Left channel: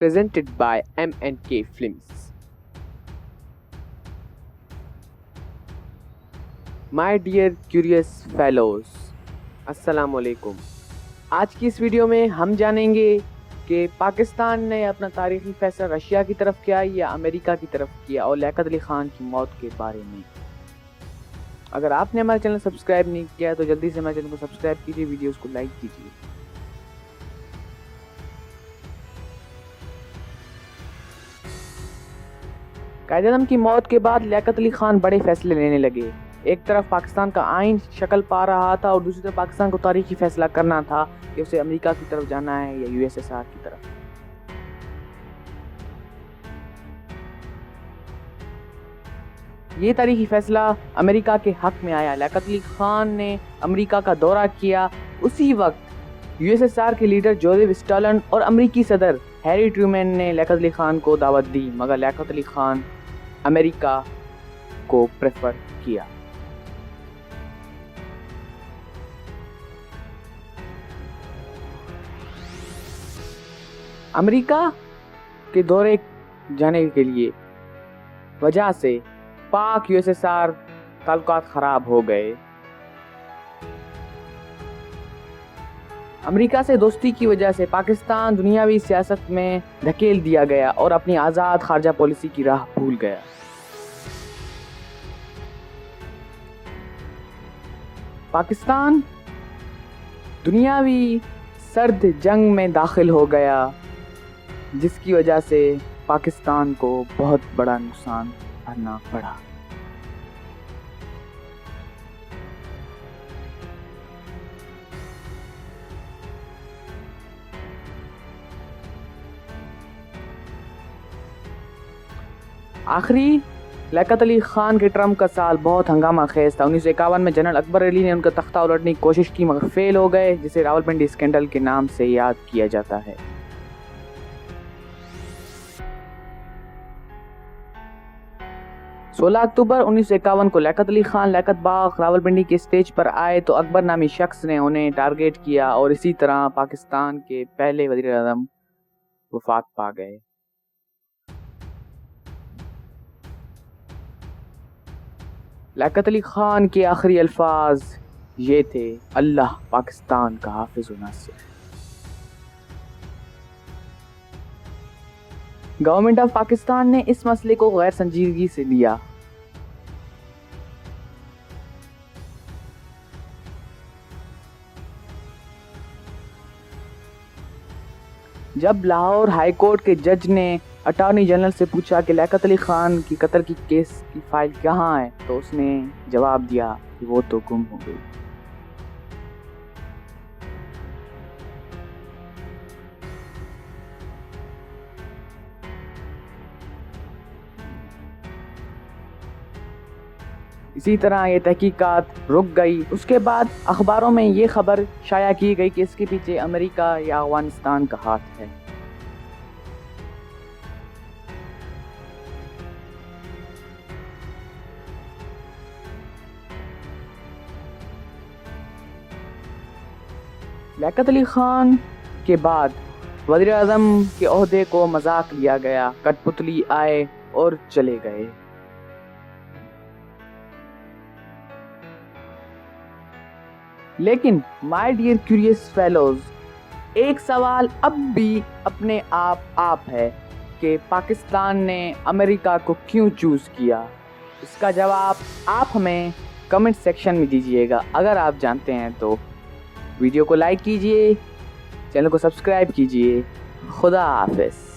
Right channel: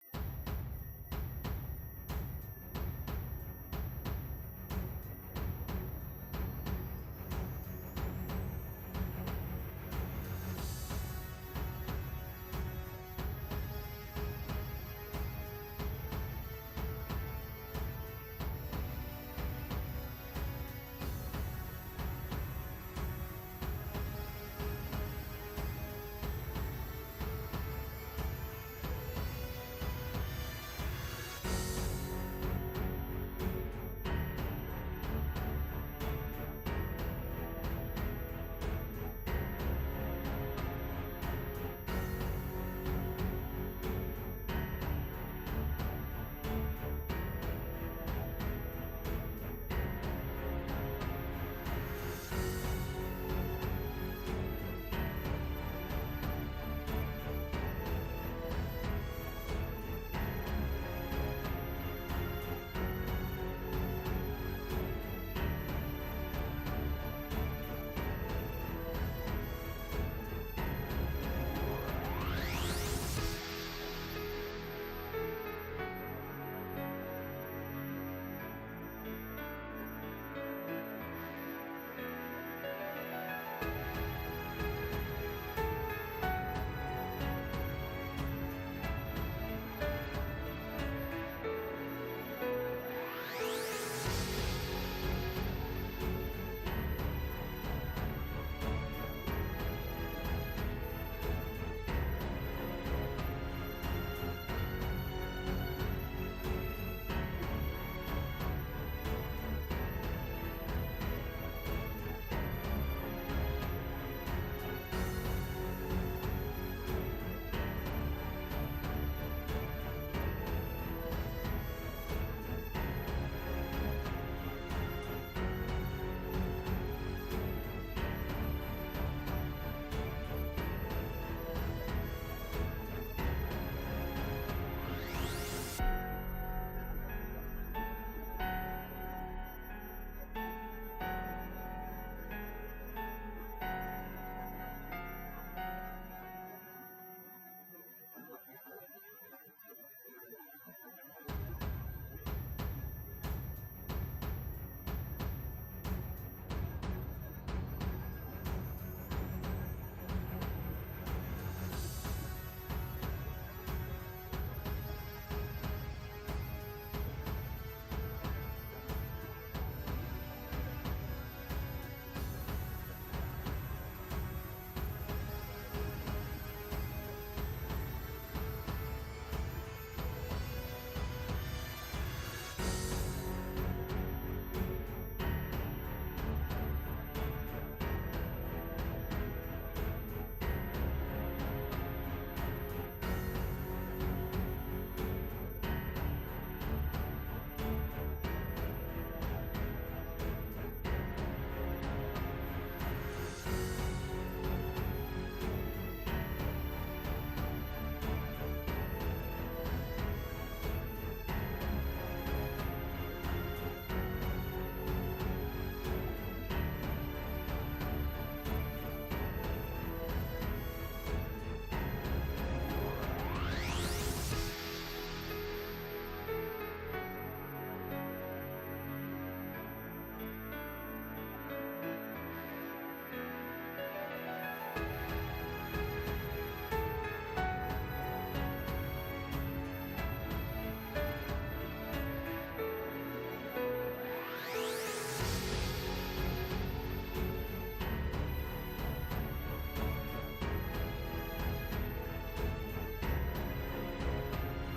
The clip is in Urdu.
presented by M&K Films. My dear curious fellows, السلام علیکم. آج کی اس ویڈیو میں ہم جانیں گے کہ پاکستان نے اپنا تاریخی فیصلہ رشیا کی طرف کیا یا امریکہ کی طرف کیا، اور لیاقت علی خان کی موت کے بارے میں. اگر آپ نے ہمارا چینل سبسکرائب نہیں کیا تو جلدی سے ہمارے چینل کو سبسکرائب کیجیے، ویڈیوز کو لائک کیجیے. قائد اعظم کی موت کے بعد لیاقت علی خان بڑے فیصلے لینے لگے. ایک طرف پاکستان کا آئین شکل پا رہا تھا اور دوسری طرف پاکستان کو تاریخی فیصلہ کرنا تھا کہ اسے امریکہ کی طرف جانا ہے یا USSR کی طرف. یہ تاریخی فیصلہ امریکہ کے حق میں آیا. لیاقت علی خان نے امریکہ کا دورہ کیا. اسی وقت USSR کے لیڈر جوزف اسٹالن اور امریکی صدر ہیری ٹرومین نے لیاقت علی خان کو دعوت دی، مگر لیاقت علی خان امریکہ کو پریفر کیا. امریکہ کے دورے جانے کے لیے وجہ سے پاک USSR تعلقات خراب ہو گئے. امریکہ سے دوستی کی وجہ سے پاکستان دنیاوی سیاست میں دھکیل دیا گیا اور اپنی آزاد خارجہ پالیسی کی راہ بھول گیا. پاکستان دنیاوی سرد جنگ میں داخل ہو گیا، جس کی وجہ سے پاکستان کو بہت بڑا نقصان بھرنا پڑا. آخری لیاقت علی خان کے ٹرم کا سال بہت ہنگامہ خیز تھا. 1951 میں جنرل اکبر علی نے ان کا تختہ الٹنے کی کوشش کی مگر فیل ہو گئے، جسے راولپنڈی اسکینڈل کے نام سے یاد کیا جاتا ہے. 16 اکتوبر 1951 کو لیاقت علی خان لیاقت باغ راولپنڈی کے اسٹیج پر آئے تو اکبر نامی شخص نے انہیں ٹارگیٹ کیا اور اسی طرح پاکستان کے پہلے وزیر اعظم وفات پا گئے. لیاقت علی خان کے آخری الفاظ یہ تھے: اللہ پاکستان کا حافظ و ناصر. گورنمنٹ آف پاکستان نے اس مسئلے کو غیر سنجیدگی سے لیا. جب لاہور ہائی کورٹ کے جج نے اٹارنی جنرل سے پوچھا کہ لیاقت علی خان کی قتل کی کیس کی فائل کہاں ہے، تو اس نے جواب دیا کہ وہ تو گم ہو گئی. اسی طرح یہ تحقیقات رک گئی. اس کے بعد اخباروں میں یہ خبر شائع کی گئی کہ اس کے پیچھے امریکہ یا افغانستان کا ہاتھ ہے. لیاقت علی خان کے بعد وزیر اعظم کے عہدے کو مذاق لیا گیا. کٹ پتلی آئے اور چلے گئے. لیکن مائی ڈیئر کیوریس فیلوز، ایک سوال اب بھی اپنے آپ ہے کہ پاکستان نے امریکہ کو کیوں چوز کیا. اس کا جواب آپ ہمیں کمنٹ سیکشن میں دیجیے گا. اگر آپ جانتے ہیں تو ویڈیو کو لائک کیجیے، چینل کو سبسکرائب کیجیے. خدا حافظ.